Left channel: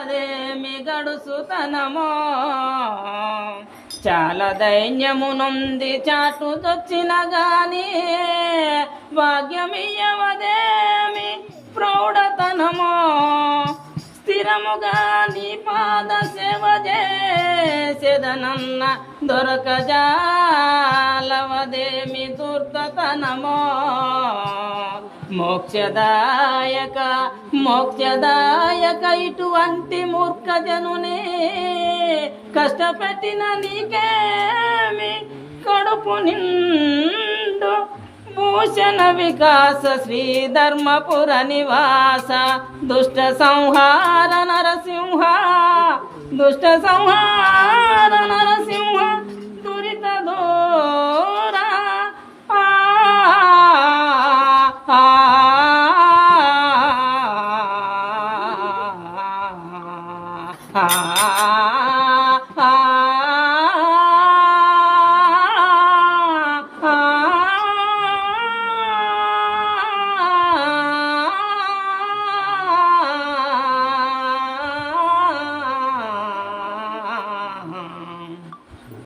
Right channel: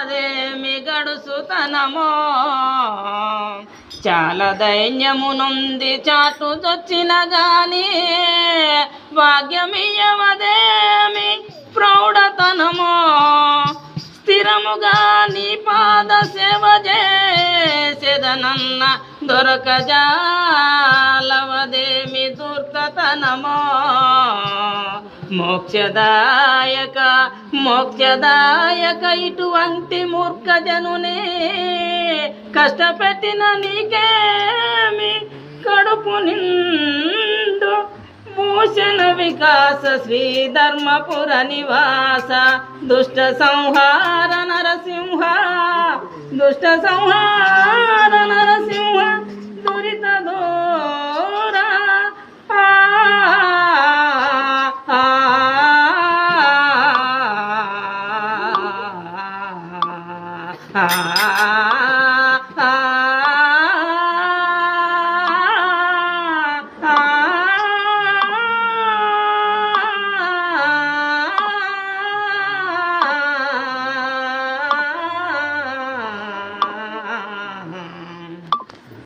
అదేమి గడుసుతనమో చాలా దైన్యమునుంది చాటుదొచ్చిన గాని భాగ్యమియ్యవదేమి ప్రౌఢతనమో స్థిరముగా నీ పాద సేవ చేసెదనన్న దొరకజాలవదేమి దుర్గతనమో మోక్షదాయక మోక్షదాయక ఇటువంటి మూర్ఖజనుని కష్టపెట్టిన నీకేమి కడుపు నిండు భూషణ వికాస శ్రీ ధర్మపుర నివాస దుష్ట సంహార నరసింహ దుష్ట సంహార నరసింహ దురిత దూరా ఆ